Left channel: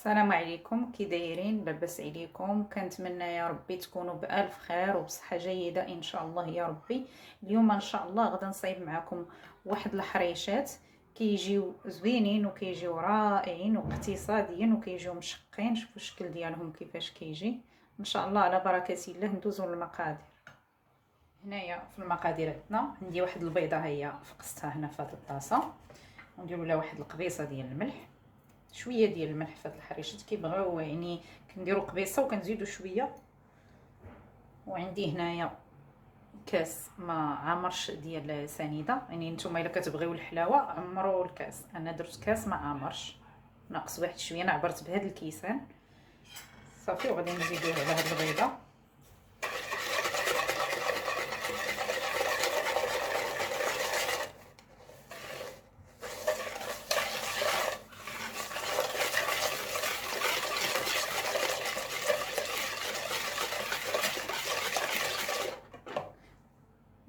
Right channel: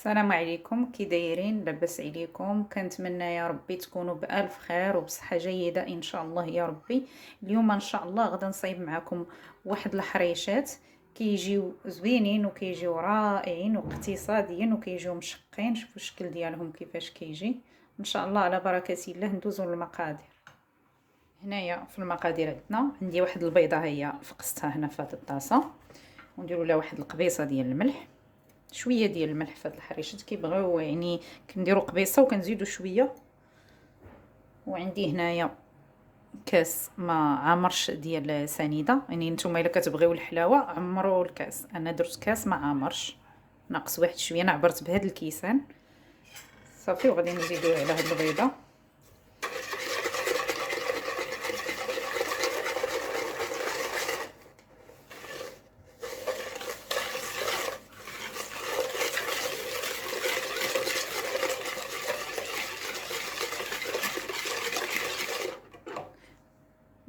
السلام عليكم، كي دايرين؟ لاباس عليكم؟ كنتمنى يا ربي تكونوا بالف خير وبصحه جيده ان شاء الله يا ربي. اليوم ان شاء الله غدا نصايب معكم واحد الحريشات كيجيو زوينين وكيجيو رائعين واقتصاديين وكيجيو مشقين. شوفوا الشكل ديالهم كيفاش كيجي ان شاء الله. على بركه الله ندوزو للمقادير. هنايا في المقادير عندي واحد البيضه، هي فقستها هنا في هذه الطاسه، ونديروا لها واحد القبيصه ديال الملح، شويه ديال الملح في هاد الحريشات كيبغيو، يعني كنديروا قبيصه وكنزيدوا شويه. وعندي هنايا كاس ما عامرش ديال سنيده، يعني نتوما الا كتبغيو الحلاوه عمروا الكاس، انا درت كاس ما عامرش ناقص واحد شويه، انا عبرت بهاد الكيسان صافي. وغادي نزيدوه على هاد البيضه.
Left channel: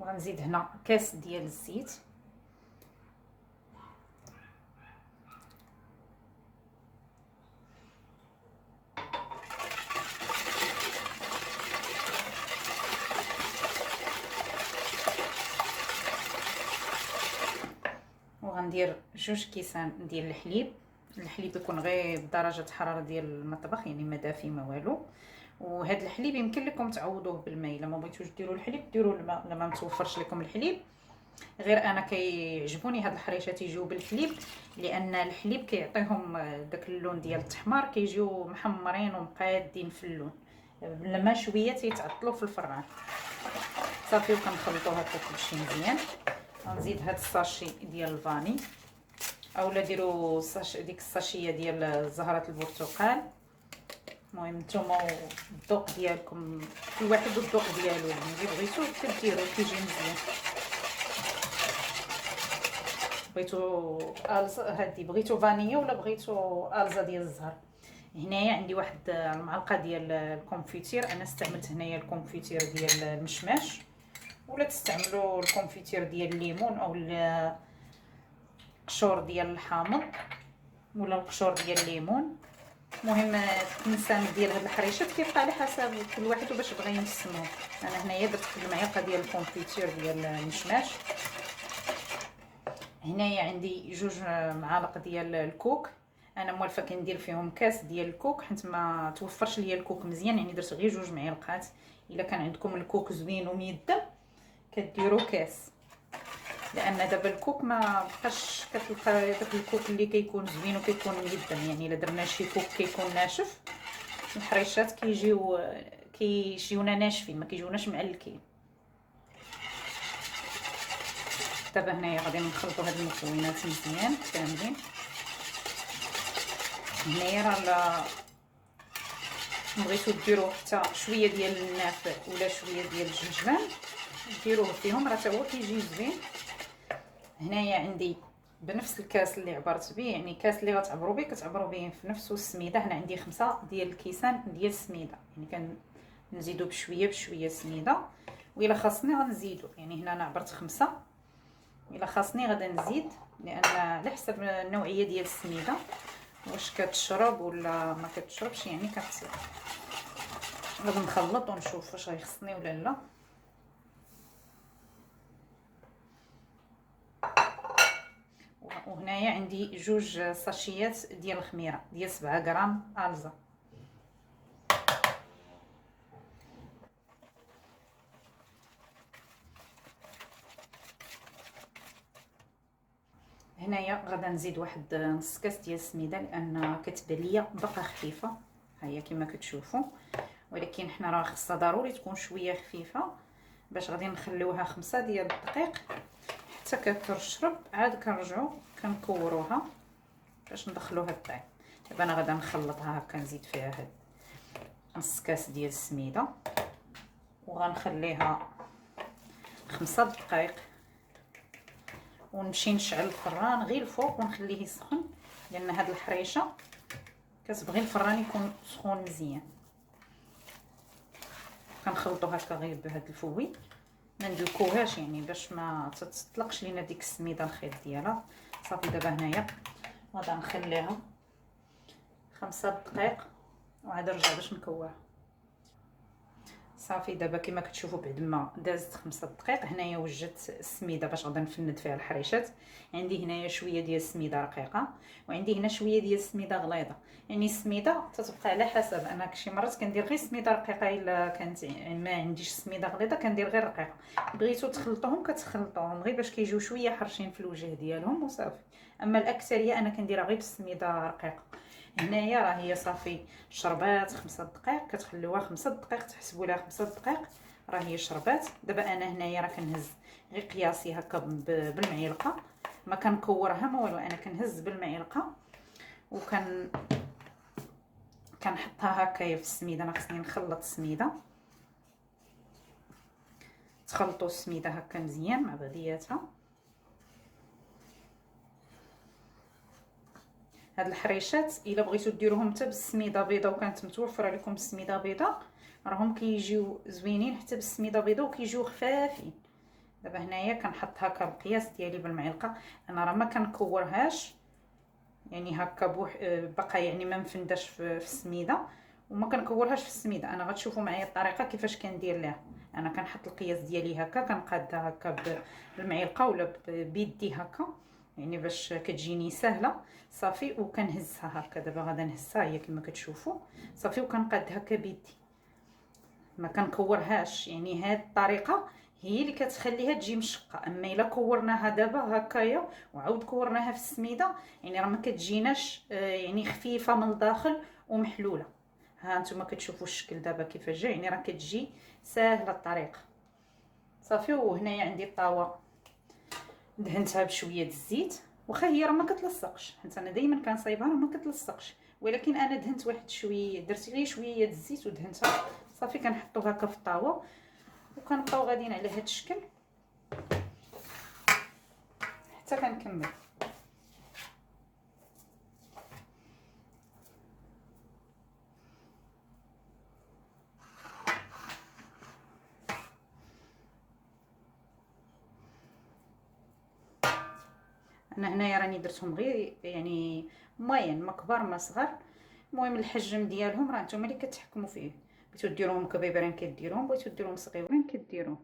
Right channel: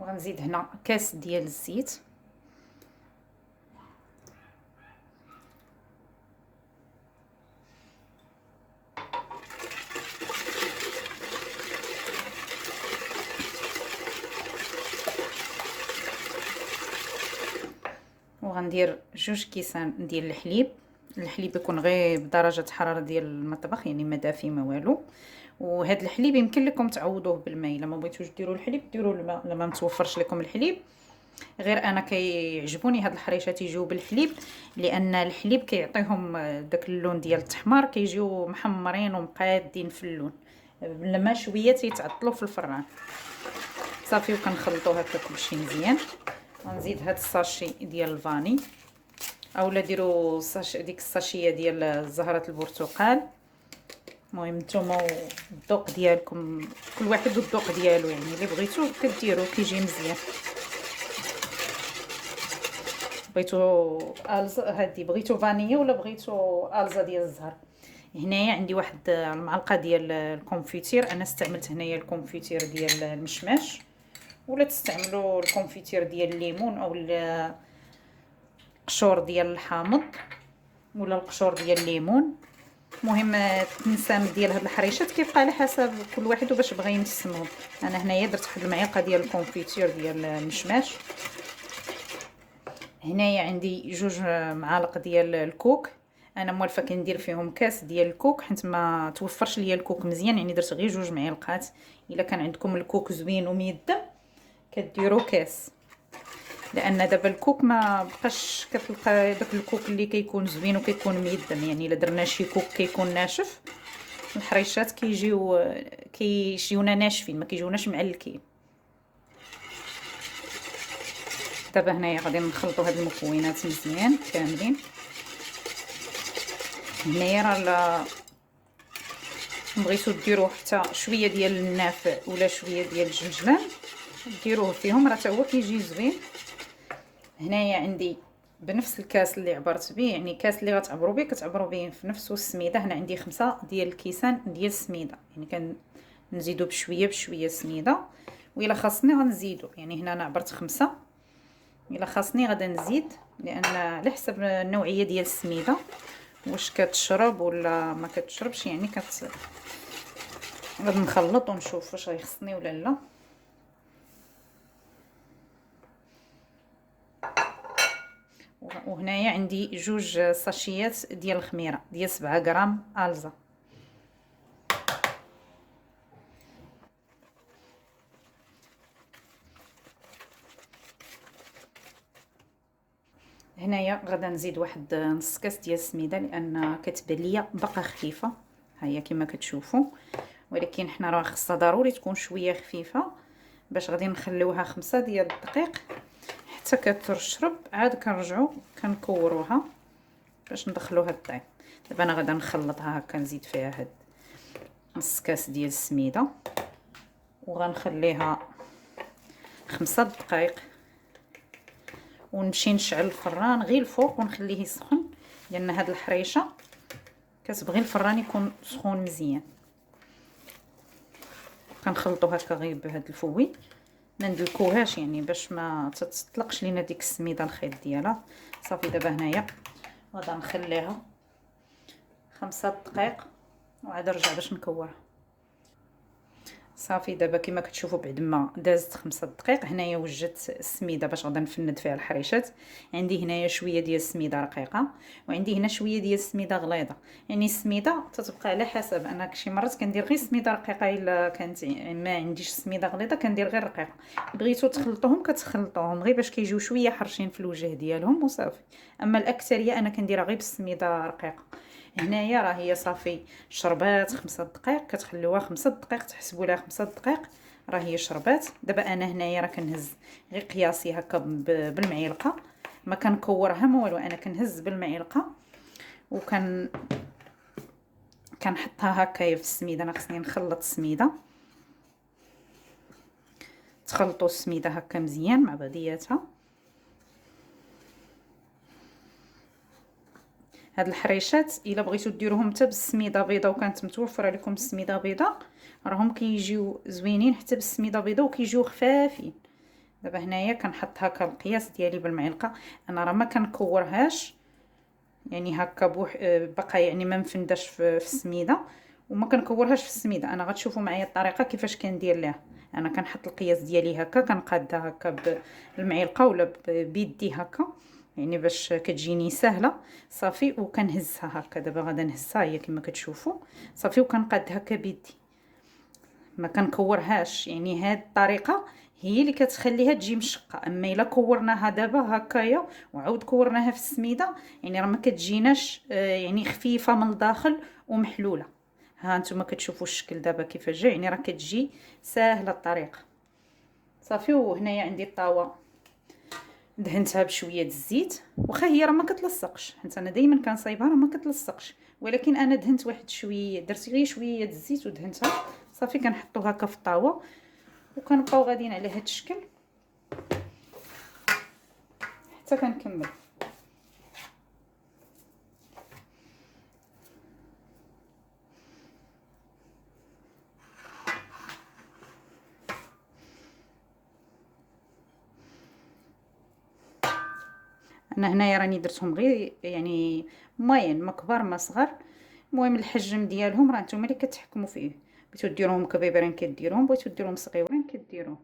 وغنزيد هنا كاس ديال الزيت، وغندير 2 كيسان ديال الحليب يكون غير بدرجه حراره ديال المطبخ، يعني ما دافي ما والو. وهذا الحليب يمكن لكم تعوضوه بالماء، الا ما بغيتوش ديروا الحليب ديروا الماء، الا ما متوفرش لكم الحليب. غير انا كيعجبوني هاد الحريشات يجيو بالحليب، لان الحليب كيعطيهم داك اللون ديال التحمار، كيجيو محمرين ومقادين في اللون. لما شويه تيتعطلوا في الفران صافي. وكنخلطوا هكا كلشي مزيان. ونزيد هاد الساشي ديال الفاني، اولا ديروا ديك الساشيه ديال زهره البرتقال. المهم نتوما الذوق ديالكم، كل واحد والذوق ديالو، يعني اللي بغيتو كديروا كيجي مزيان. بغيتو الزا هادي، بغيتو فانيا ولا بغيتو الزا ديال الزهر. هنايا عندي واحد المعلقه ديال الكونفيتير، انا استعملت هنايا الكونفيتير ديال المشماش، ولا تستعملوا الكونفيتير ديال الليمون او القشور ديال الحامض ولا القشور ديال الليمون. المهم التنسام ديال هاد الحريشات كيبقى على حسب كل واحد وباش بغى ينسمو. انا هنايا درت واحد المعلقه ديال الكونفيتير ديال المشماش. هنايا عندي 2 معالق ديال الكوك، انا موالفه كندير فيهم كاس ديال الكوك حيت ما توفرش ليا الكوك مزيان، يعني درت غير 2 معالق. الا كان عندكم الكوك زوين وميدم كديروا كاس، لان دابا الكوك ما بقاش كتلقى داك الكوك اللي كيكون زوين وكيكون ميدم. يعني الا درنا شي كوك كيكون ناشف، الحريشات كيجيونا ناشفين، ما كيجيوناش معلكين. دابا هنايا غادي نخلطوا هاد المكونات مزيان كاملين. هنايا راه بغيتو ديروا حتى شويه ديال النافع ولا شويه ديال الجنجلان ديروه فيهم، راه حتى هو كيجي زوين. هنايا عندي بنفس الكاس اللي عبرت به، يعني كاس اللي غتعبروا به كتعبروا به في نفس السميده. هنا عندي 5 ديال الكيسان ديال السميده، يعني كنزيدوا بشويه سميده، وإلا خاصني غنزيدوا. يعني هنا انا عبرت 5، الا خاصني غادا نزيد، لان على حسب النوعيه ديال السميده واش كتشرب ولا ما كتشربش. يعني غادي نخلط ونشوف واش غيخصني ولا لا. وهنايا عندي 2 ساشيات ديال الخميره ديال 7 غرام الزا. هنايا غادا نزيد واحد نص كاس ديال السميده، لان كتبان ليا باقا خفيفه، ها هي كما كتشوفوا، ولكن حنا راه خصها ضروري تكون شويه خفيفه باش غادي نخليوها 5 ديال الدقائق حتى كترشرب. عاد كنرجعوا كنكوروها باش ندخلوها الطيب. دابا انا غادا نخلطها هكا، نزيد فيها هاد نص كاس ديال السميده وغنخليها 5 دقائق، ونمشي نشعل الفران غير الفوق ونخليه يسخن، لان هاد الحريشه كتبغي الفران يكون سخون مزيان. كنخلطوا هكا غير بهاد الفوي، ما ندلكوهاش يعني باش ما تطلقش لينا ديك السميده الخيط ديالها. صافي دابا هنايا غادا نخليها 5 دقائق وعاد نرجع باش نكورها. صافي دابا كما كتشوفوا بعد ما دازت 5 دقائق هنايا وجدت السميده باش غادا نفند فيها الحريشات. عندي هنايا شويه ديال السميده رقيقه وعندي هنا شويه ديال السميده غليظه. يعني السميده تتبقى على حسب، انا شي مرات كندير غير سميده رقيقه الا كانت ما عنديش سميده غليظه كندير غير رقيقه. بغيتو تخلطوهم كتخلطوهم غير باش كيجيو شويه حرشين في الوجه ديالهم وصافي. اما الاكثريه انا كنديرها غير بالسميده رقيقه. هنايا راه هي صافي شربات 5 دقائق، كتخليوها 5 دقائق تحسبوا لها 5 دقائق راه هي شربات. دابا انا هنايا راه كنهز غير قياسي هكا بالمعلقه، ما كنكورها ما والو، انا كنهز بالمعلقه كنحطها هكايا في السميده. ما خصني نخلط السميده، تخلطوا السميده هكا مزيان مع بعضياتها. هاد الحريشات الا بغيتو ديروهم حتى بالسميده بيضه وكانت متوفره لكم السميده بيضه راهم كيجيو زوينين حتى بالسميده بيضه وكيجيو خفافين. دابا هنايا كنحط هكا القياس ديالي بالمعلقه، انا راه ما كنكورهاش يعني هكا بقى يعني ما مفنداش في السميده وما كنكورهاش في السميده. انا غتشوفوا معايا الطريقه كيفاش كندير ليها. انا كنحط القياس ديالي هكا كنقادها هكا بالمعلقه ولا بيدي هكا يعني باش كتجيني سهله صافي. وكنهزها هكا، دابا غادا نهزها هي كما كتشوفوا صافي وكنقاد هكا بيدي ما كنكورهاش. يعني هاد الطريقه هي اللي كتخليها تجي مشقه. اما الا كورناها دابا هكايا وعاود كورناها في السميده يعني راه ما كتجيناش يعني خفيفه من الداخل ومحلوله. ها انتم كتشوفوا الشكل دابا كيفاش جا، يعني راه كتجي ساهله الطريقه صافي. وهنايا عندي الطاوه دهنتها بشويه الزيت، واخا هي راه ما كتلصقش، حيت انا دائما كنصايبها راه ما كتلصقش، ولكن انا دهنت واحد شويه، درت غير شويه الزيت ودهنتها صافي. كنحطو هكا في الطاوه وكنبقاو غاديين على هذا الشكل حتى كنكمل. انا هنايا راني درتهم غير يعني موين، ما كبار ما صغار، المهم الحجم ديالهم راه نتوما اللي كتحكموا فيه. بغيتو ديروهم كبيبرين كديروهم، بغيتو ديروهم صغيورين كديروهم.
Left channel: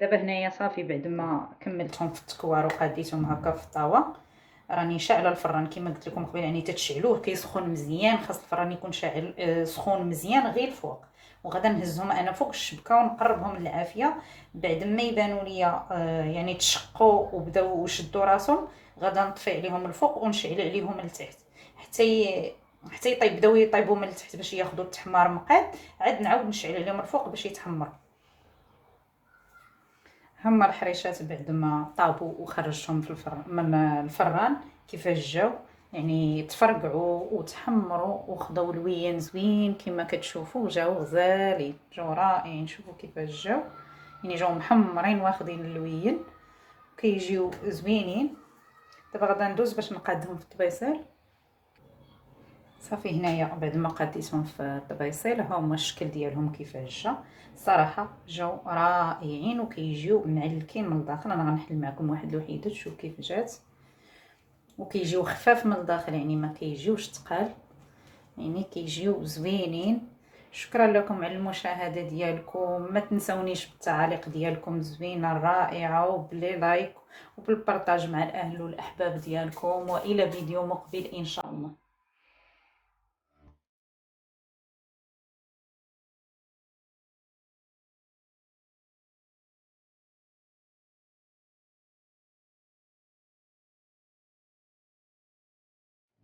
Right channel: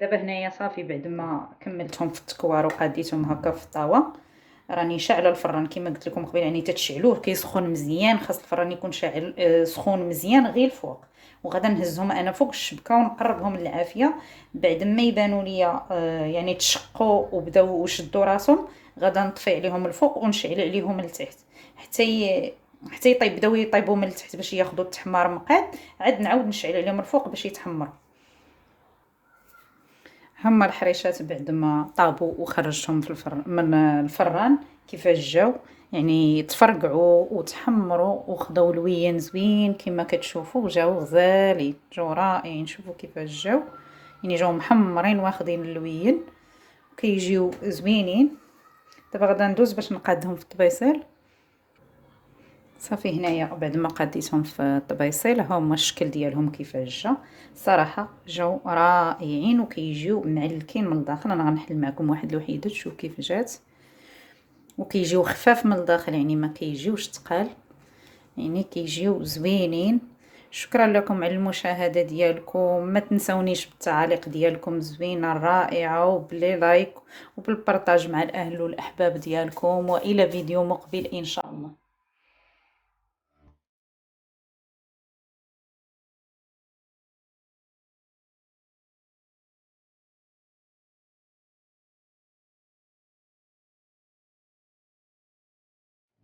دابا هنايا صافي بعد ما كملتهم في التكوار وقاديتهم هكا في الطاوه راني شاعله الفران كما قلت لكم قبيله. يعني تتشعلوه كيسخن مزيان، خاص الفران يكون شاعل سخون مزيان غير الفوق. وغادا نهزهم انا فوق الشبكه ونقربهم للعافيه. بعد ما يبانوا ليا يعني تشقوا وبداو وشدوا راسهم غادا نطفي عليهم الفوق ونشعل عليهم التحت حتى يطيب، بداو يطيبوا من التحت باش ياخذوا التحمار مقاد. عاد نعاود نشعل عليهم الفوق باش يتحمروا. هما الحريشات بعد ما طابوا وخرجتهم في الفران من الفران كيفاش جاو، يعني تفرقعوا وتحمروا وخداو لوين زوين كما كتشوفوا، جاو غزالين، جاو رائعين. شوفوا كيفاش جاو، يعني جاو محمرين واخدين اللوين كيجيو زوينين. دابا غادا ندوز باش نقادهم في الطبيصيل. صافي هنايا بعد ما قاديتهم في الطبيصيل ها هما الشكل ديالهم كيفاش جا. صراحه جاو رائعين وكيجيو معلكين من الداخل. انا غنحل معكم واحد الوحيده تشوف كيف جات، وكيجيو خفاف من الداخل يعني ما كيجيوش ثقال، يعني كيجيو زوينين. شكرا لكم على المشاهده ديالكم، ما تنسونيش بالتعاليق ديالكم الزوينه الرائعه وبلي لايك وبالبارطاج مع الاهل والاحباب ديالكم، والى فيديو مقبل ان شاء الله.